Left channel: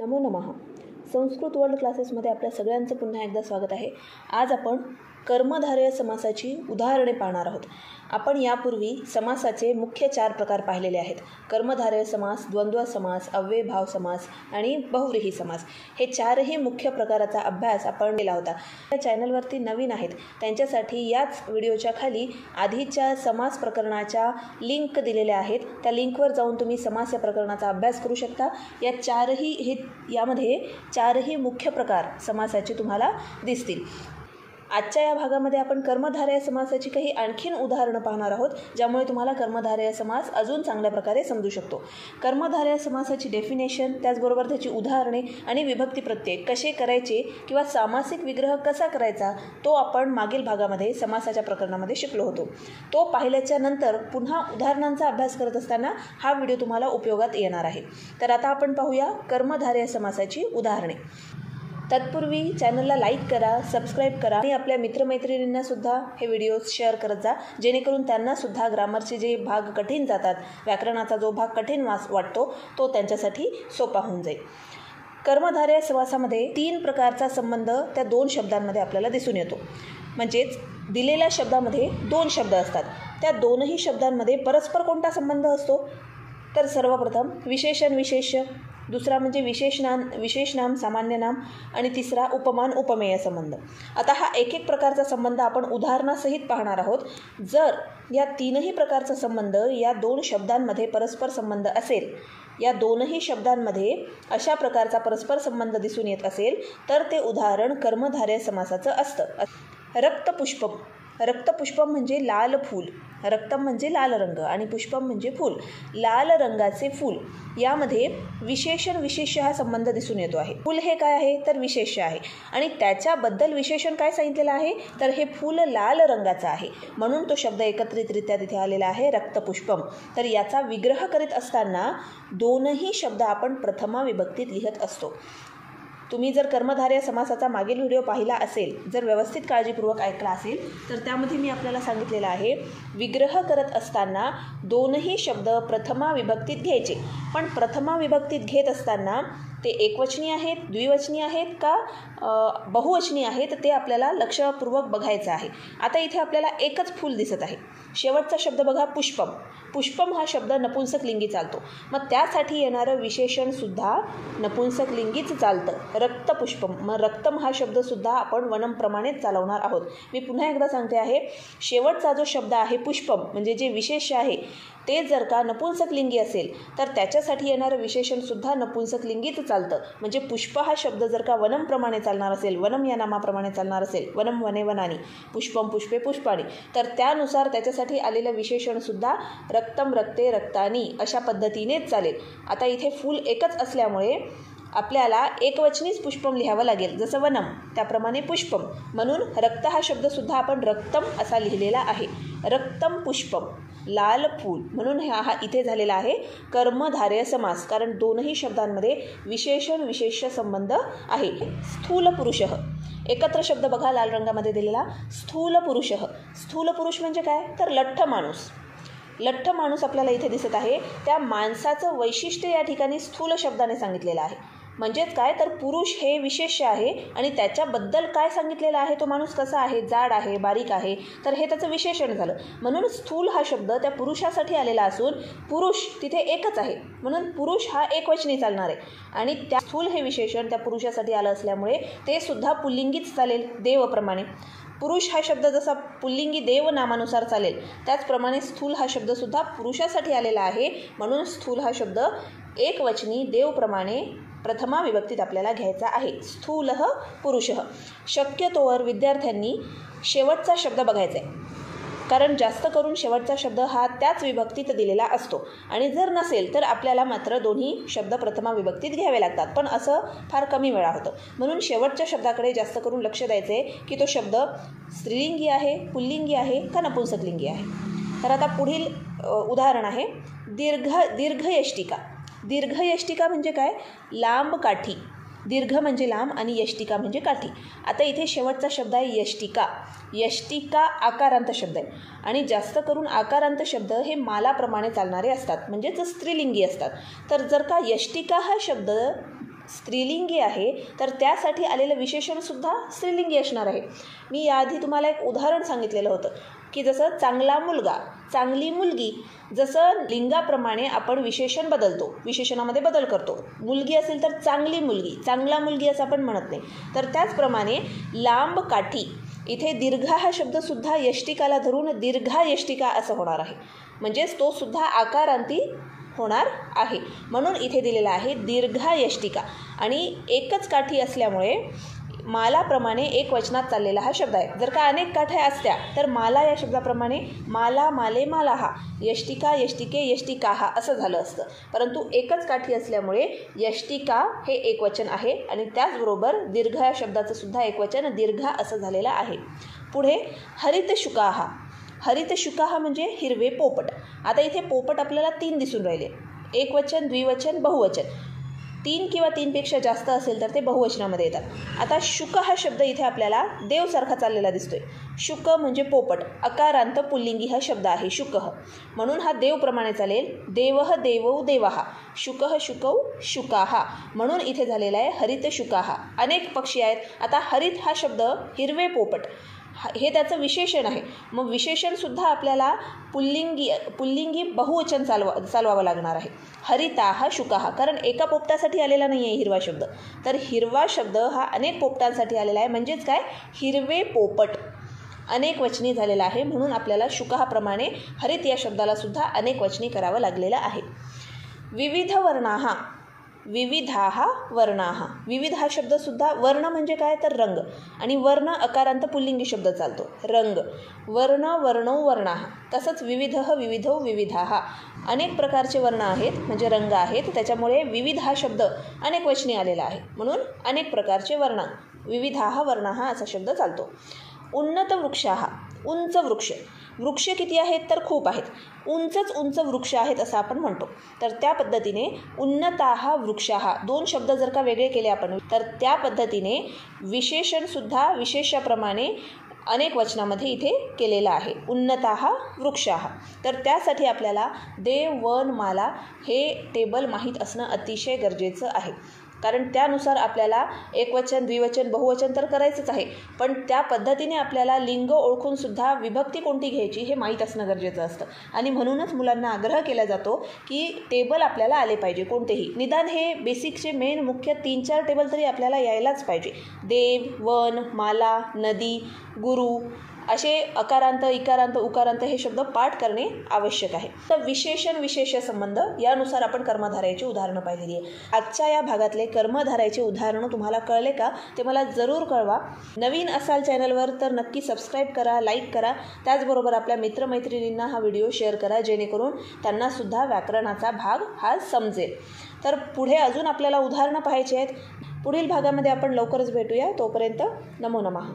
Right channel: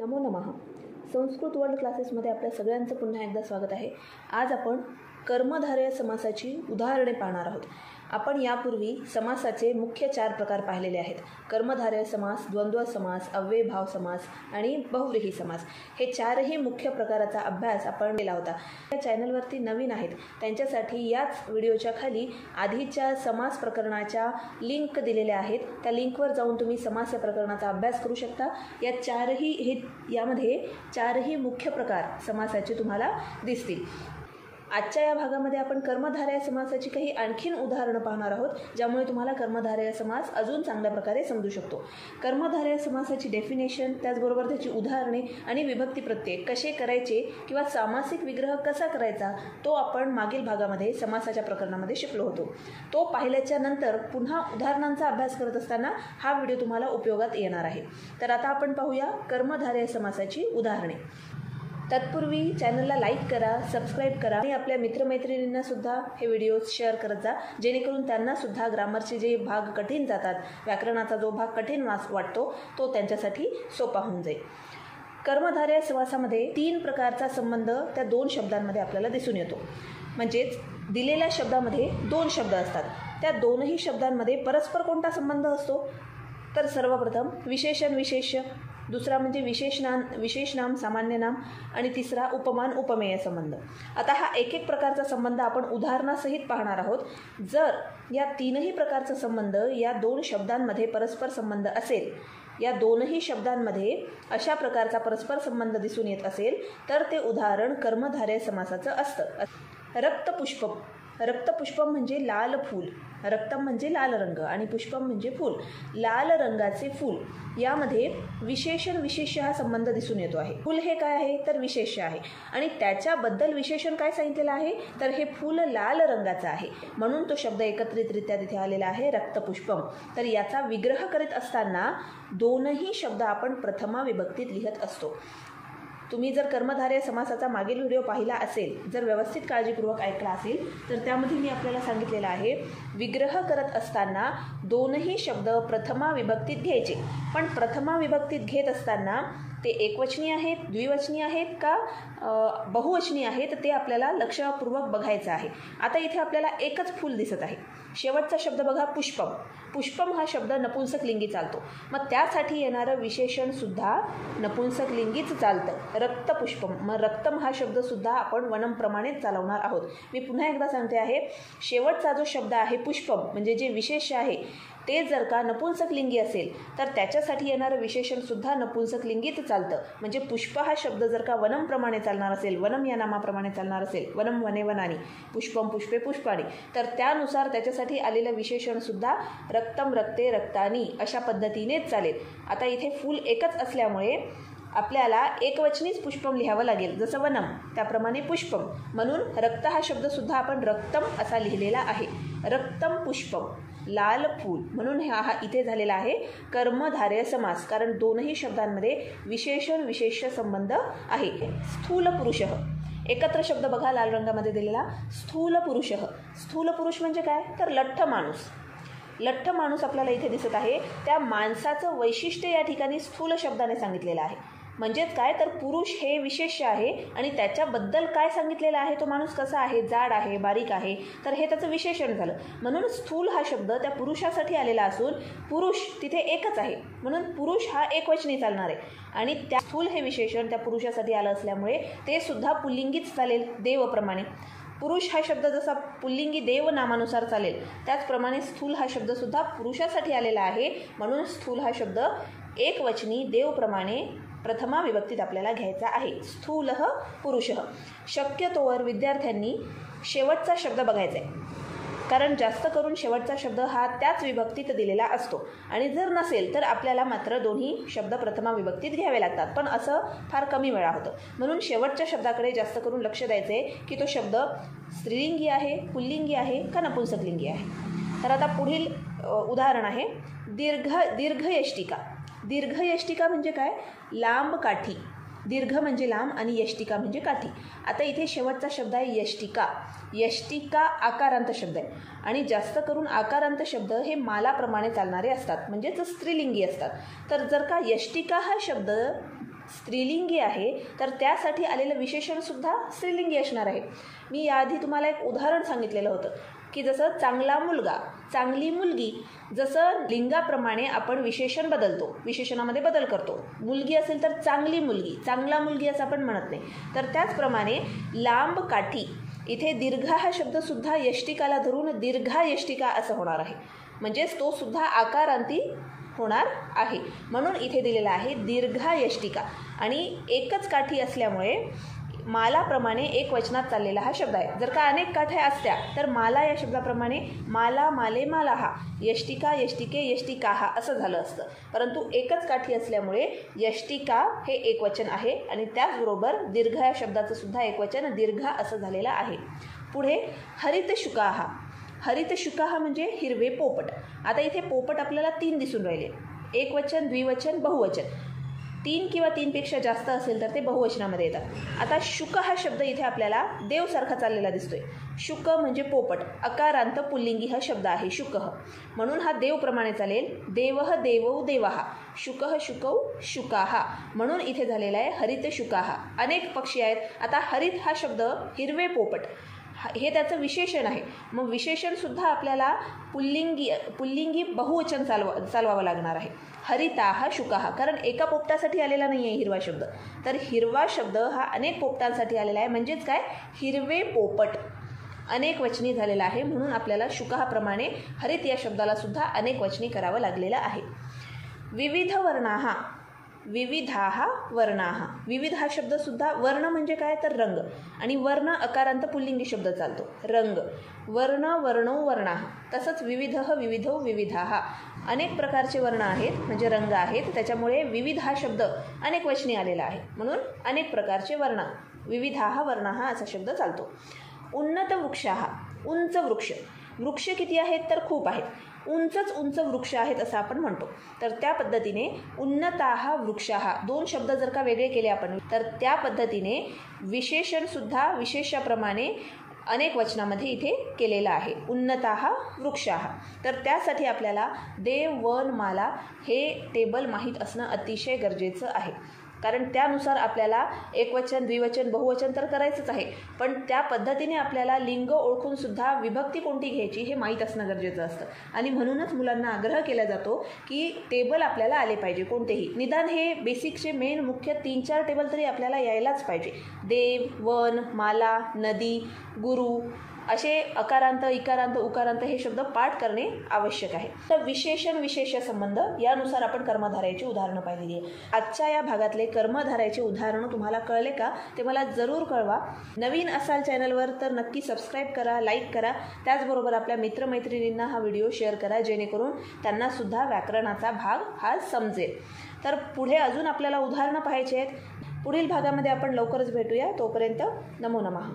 नमो नमः. संस्कृत वर्ल्ड क्लासेसमध्ये आपल्या सगळ्यांचं पुन्हा एकदा स्वागत आहे. आज आपण कर्मधारय समासाची उदाहरणे पाहणार आहोत. आपण यापूर्वी समासाचे मुख्य 4 प्रकार पाहिलेले आहेत. कर्मधारय समास, द्वंद्व समास, अव्ययभाव समास आणि बहुव्रीही समास. हे 4ही मुख्य प्रकाराचा अभ्यास आपण केला होता. या चॅनलवरती नवीन आहेत त्यांच्यासाठी याच व्हिडिओच्या खाली आधीच्या समास प्रकरणाच्या लिंक दिलेल्या आहेत. त्या लिंकवर जाऊन तुम्ही समास या प्रकरणाचा अभ्यास करू शकता. यामध्ये 4ही मुख्य प्रकार समासाचे तुम्हाला दिसतील. आजच्या या भागामध्ये आपण कर्मधारय समासाची काही आणखीन उदाहरणं पाहणार आहोत, ज्यामुळे तुम्हाला कर्मधारय समास अजून चांगल्या प्रकारे समजू शकतो. कर्मधारय समासाची डेफिनेशन, त्याचबरोबर त्याची उदाहरणे आणि विभक्ती प्रत्यय कसे करायचे किंवा सामासिक विग्रह कसा करायचा तो आपण मागील भागामध्ये समासाच्या प्रकरणामध्ये शिकलो होतो. तो पाहिल्याच्या नंतर पुन्हा उदाहरणांचा अभ्यास करत असताना हा व्हिडिओ तुम्हाला उपयोगात येणार आहे. तर आता आपण पाहूया कर्मधारय समासाची उदाहरणे. तत्पूर्वी चॅनलला लाईक करा, सबस्क्राईब करा आणि आपल्या मित्रमैत्रिणींना सुद्धा हे व्हिडिओज शेअर करत जा, जेणेकरून त्यांनासुद्धा ग्रामरचे जे भाग कठीण जातात, व्याकरणाचा जो भाग कठीण वाटतो तो त्यांच्यासाठी सोपा होऊन जाईल. कर्मधारय समासामध्ये 3 प्रकारचा संबंध त्या 2 शब्दांमध्ये आपल्याला दिसून येतो. म्हणजेच दिलेल्या शब्दामध्ये 2 शब्द असतात. त्या 2ही शब्दांमध्ये परस्पर कोणता संबंध असतो? तर सर्वप्रथम विशेषण विशेष्य, दुसरा म्हणजे विशेषनाम सामान्य नाम आणि तिसरा उपमान उपमेय संबंध. आता हा एक प्रकारचा संबंध आपण उदाहरणासहित पाहणार आहोत. जर या 3ही प्रकारचा संबंध या 2 शब्दांमध्ये परस्पर संबंध असेल, या 2ही शब्दांमध्ये अशा प्रकारचा परस्पर संबंध दिसून येत असेल तर ते उदाहरण कर्मधारय समासाचं असतं. रक्तपुष्पम. रक्तपुष्पम म्हणजे लाल फूल. रक्तम म्हणजे लाल रंग आणि पुष्पम म्हणजे फूल. लाल रंगाचे फूल यामध्ये विशेषण विशेष्य हा संबंध दिसून येतो आहे. फूल हे काय आहे तर विशेष्य आहे आणि त्याच्याबद्दल विशेषण काय सांगितलेलं आहे तर हे फूल लाल रंगाचं आहे, म्हणून तो शब्द एकत्रितरित्या तिथे आलेला आहे रक्तपुष्पम. तर याचा विग्रह करीत असताना 2ही शब्द आपण प्रथमा विभक्तीत लिहत असतो. तुम्ही जर कर्मधारय समासाचा मागील व्हिडिओ पाहिला असेल, जर व्यवस्थित काळजीपूर्वक ऐकला असेल तर त्यामध्ये मी आपल्याला सांगितलेलं आहे विग्रह करत असताना 2ही शब्द प्रथमा विभक्तीत घ्यायचे. पण प्रथमा विभक्तीत घेत असताना ते एकवचनी आहेत, द्विवचनी आहेत का बहुवचनी आहेत ते आपल्याला लक्षपूर्वक बघायचं आहे. आता इथे आपल्याला एकच फूल दिसत आहे. शेवटचा शब्द बघा पुष्पम. पुष्पम हा शब्द नपुंसक लिंगी चालतो, मग त्यासाठी येणारं विशेषणसुद्धा नपुंसक लिंगीच चालतं. रक्तपुष्पम. मग रक्तम हा शब्दसुद्धा आपण वनमप्रमाणेच चालवणार आहोत. मी पुन्हा एकदा सांगते आहे, शेवटचा जो शब्द आहे पुष्पम म्हणजे जे विशेष्य आहे ते जर का नपुंसक लिंगी असेल तर त्याच्यासाठी येणारं विशेषणसुद्धा नपुंसक लिंगीच चालतं. म्हणजे पुष्प हा शब्द जर का वनमप्रमाणे चालणार असेल, वनम या नामाप्रमाणे चालणार असेल, वनम वने वनानी, पुष्पम पुष्पे पुष्पाणी, तर त्यानुसार त्याच्यासाठी आलेलं विशेषणसुद्धा रक्तम रक्ते रक्तानी अशा पद्धतीनेच चालेल. आता इथे फूल एकच असल्यामुळे आपल्याला एकवचनीच पुष्पम लिहावं लागेल, जसं वनम त्याप्रमाणे पुष्पम, म्हणून रक्त हा शब्दसुद्धा आपण रक्तम असा लिहिलेला आहे. रक्तम पुष्पम, लाल फूल, म्हणून हा इथे झालेला आहे कर्मधारय समास, कारण 2ही शब्दांमध्ये विशेषण विशेष्य संबंध आहे. स्थूल पुरुषः. एकत्र शब्द बघा लाल रंगामध्ये दिलेला, स्थूल पुरुषः. स्थूल पुरुष म्हणजे काय तर लठ्ठ माणूस. लठ्ठ माणूस आपल्याला इथे दिसत आहे. त्या माणसाचं वैशिष्ट्य या ठिकाणी स्थूल शब्दाने सांगितलेलं आहे. म्हणजेच काय तर पुरुष हे विशेष्य आहे आणि त्याच्याबद्दल काय सांगितलेलं आहे, तो माणूस कसा आहे, जाड आहे, बारीक आहे, तर हे त्याचं विशेषण झालं. म्हणून स्थूल हा शब्द त्या पुरुषासाठी आलेला असून पुरुष तिथे एकच आहे, म्हणून पुरुष हा एकवचनी चालणार आहे आणि त्या स्थूल हे विशेषण त्या पुरुषासाठी आलं असल्यामुळे ते सुद्धा पुल्लिंगीच चालेल देवप्रमाणे. पुरुष हा शब्द जसा पुल्लिंगी देव नामानुसार चालेल, त्याचप्रमाणे स्थूल हा शब्दसुद्धा पुरुषासाठी आलेला आहे, म्हणून स्थूल हा शब्द एकवचनी देवप्रमाणे प्रथमा विभक्तीत आपल्याला घ्यायचा आहे. स्थूलः पुरुषः. शक्यतोवर विद्यार्थ्यांनी शेवटचा शब्द बघायचा आहे, कारण जास्त करून शेवटचा शब्द हा त्याच विभक्तीत दिलेला असतो आणि जर नसेल तर आपल्याला मात्र 2ही शब्द प्रथमा विभक्तीत घ्यावे लागतात, पण असं फार कमी वेळा होतं. म्हणून शेवटच्या शब्दाकडे जास्त करून लक्ष द्यायचं आहे की तो शब्द स्त्रीलिंगी आहे, पुल्लिंगी आहे का नपुंसकलिंगी आहे. तर आता पुढील उदाहरण आहे दीर्घयष्टिका. दीर्घयष्टिका म्हणजे काय, लांब काठी. दीर्घ म्हणजे लांब आणि यष्टिका म्हणजे काठी. आता इथे शेवटचा शब्द आहे यष्टिका. यष्टिका आकारांत शब्द आहे आणि जास्त करून आकारांत शब्द हे मालाप्रमाणे चालणारे असतात, म्हणजेच स्त्रीलिंगी असतात. तर जर का यष्टिका हा शब्द स्त्रीलिंगी आहे तर त्यासाठी आलेलं विशेषणसुद्धा स्त्रीलिंगी असणार आहे. मी याआधी तुम्हाला एक उदाहरण सांगितलेलं होतं की जसं चांगला मुलगा, चांगली मुलगी, जसं लिंगाप्रमाणे आपण विशेषण बदलतो, विशेषणामध्ये बदल करतो. मुलगी असेल तर चांगली मुलगी, चांगला मुलगी असं आपण म्हणत नाही. तर त्याचप्रमाणे लांब काठी, इथे दीर्घा हा शब्दसुद्धा यष्टिकाला धरून दीर्घा यष्टिका असं होणार आहे. म्हणजेच तो सुद्धा आकारांती होणार आहे. म्हणून इथे दिलेला आहे दीर्घा यष्टिका. आणि एकच काठी असल्यामुळे मालाप्रमाणे एक वचनात चाललेला हा शब्द आहे. जर का अनेक काठ्या असत्या तर माला या शब्दाप्रमाणे माला, माले, मालाहा, यष्टिका, यष्टिके, यष्टिकाहा असं झालं असतं. परंतु एकच काठी असल्यामुळे यष्टिका हे एकवचन आहे आणि त्याचबरोबर दीर्घ या शब्दाचं सुद्धा एकवचन दीर्घा असं झालेलं आहे. पुढे हरित शुकाहा. हरित शुकाहा म्हणजे हिरवे पोपट. आता इथे पोपट आपल्याला 3 दिसून राहिले. एकवचन, द्विवचन, बहुवचन. 3 किंवा 3पेक्षा जास्त असेल तर ते बहुवचनामध्ये येतात. आता शुक हा शब्द इथे आपल्याला देवसारखा चाललेला दिसतोय. शुक म्हणजे पोपट, अकारांत पुल्लिंगी हा शब्द आहे शुकः, म्हणून हा देवप्रमाणे चालेल. देवः देवौ देवाहा, शुकः शुकौ शुकाहा, म्हणून इथे झालेला आहे हरित शुकाहा. अनेक पक्षी आहेत. आता हरित हा शब्द हिरवे पोपट हे त्याचं विशेषण आहे. मग विशेषणसुद्धा आपल्याला पुल्लिंगी बहुवचन चालवावं लागणार आहे. हरिता हा शुकाहा, कारण एका पोपटासाठी आलेला नाही आहे हिरवा शब्द, तर हिरवा शब्द हा अनेक पोपटांसाठी आलेला आहे. म्हणजेच काय, हिरवे पोपट अनेक वचनी झालेला आहे. म्हणून आपल्याला शुकाहाप्रमाणे हरित या शब्दाला सुद्धा अनेक वचनी करावं लागलेलं आहे. विविध वर्णाहा, विविधाहा वर्णाहा. विविध हा शब्दसुद्धा, वर्ण म्हणजे काय तर रंग, आणि वर्ण अकारांत पुल्लिंगी शब्द चालतो, रंग. वर्ण, वर्णौ, वर्णाहा. तसंच विविधः, विविधौ, विविधाहा. अनेक प्रकारचे वर्ण आहेत म्हणजे रंग आहेत, त्याच्यामुळे विविध हा शब्द अनेक वचनी आलेला आहे. म्हणून अनेक प्रकारचे वर्ण, विविधाहा वर्णाहा असा शब्द चालतो. उन्नत वृक्षाहा, उंच वृक्ष. वृक्ष किती आहेत तर खूप आहेत. उंचच उंच वृक्ष आहेत असं आपण म्हणतो. तर त्या पद्धतीने उन्नताहा वृक्षाहा, 2 शब्द जर का वेगळे केले आपण तर त्या पद्धतीने विशेषणसुद्धा विशेषाप्रमाणे अनेक वचनामध्ये इथे केलेलं आहे. उन्नताहा वृक्षाहा. तर त्यासाठी आपल्याला देव, वन, माला हे टेबल माहीत असणं अतिशय गरजेचं आहे. कारण त्यानुसार आपल्याला एकवचन, द्विवचन, बहुवचन तर करायचंच आहे, पण त्या पद्धतीने आपल्याला लिंग ओळखूनसुद्धा विभक्ती कोणती घ्यायची हे माहीत असणं गरजेचं असतं. आणि म्हणूनच मुलांना आग्रह केला जातो की टेबल आपल्याला आले पाहिजे कोणतेही. निदान हे बेसिकचे मेन मुख्य 3-4 टेबल तरी आपल्याला यायलाच पाहिजे. देव, वन, माला, नदी, गुरु असे अकारांत, इकारांत, उकारांत हे शब्द पाठ करणे आवश्यक आहे. तर विशेषण विशेष संबंध यानुसार आपण कर्मधारयाची उदाहरणं पाहिलेली आहे. आजच्या या भागातले कर्मधारयाचे उदाहरणं तुम्हाला कळले का ते मला जरूर कळवा. नवीन असाल चॅनलवर तर नक्की सबस्क्राईब करा, लाईक करा. त्याचबरोबर आपल्या मित्रमैत्रिणींना हा व्हिडिओ शेअर करा जेणेकरून त्यांनासुद्धा व्याकरणाचा भाग हा समजेल. तर पुढे अजून आपल्याला उदाहरणं पाहायची आहेत. पुढील भागामध्ये आपण लवकरच भेटूया. तोपर्यंत नमो नमः.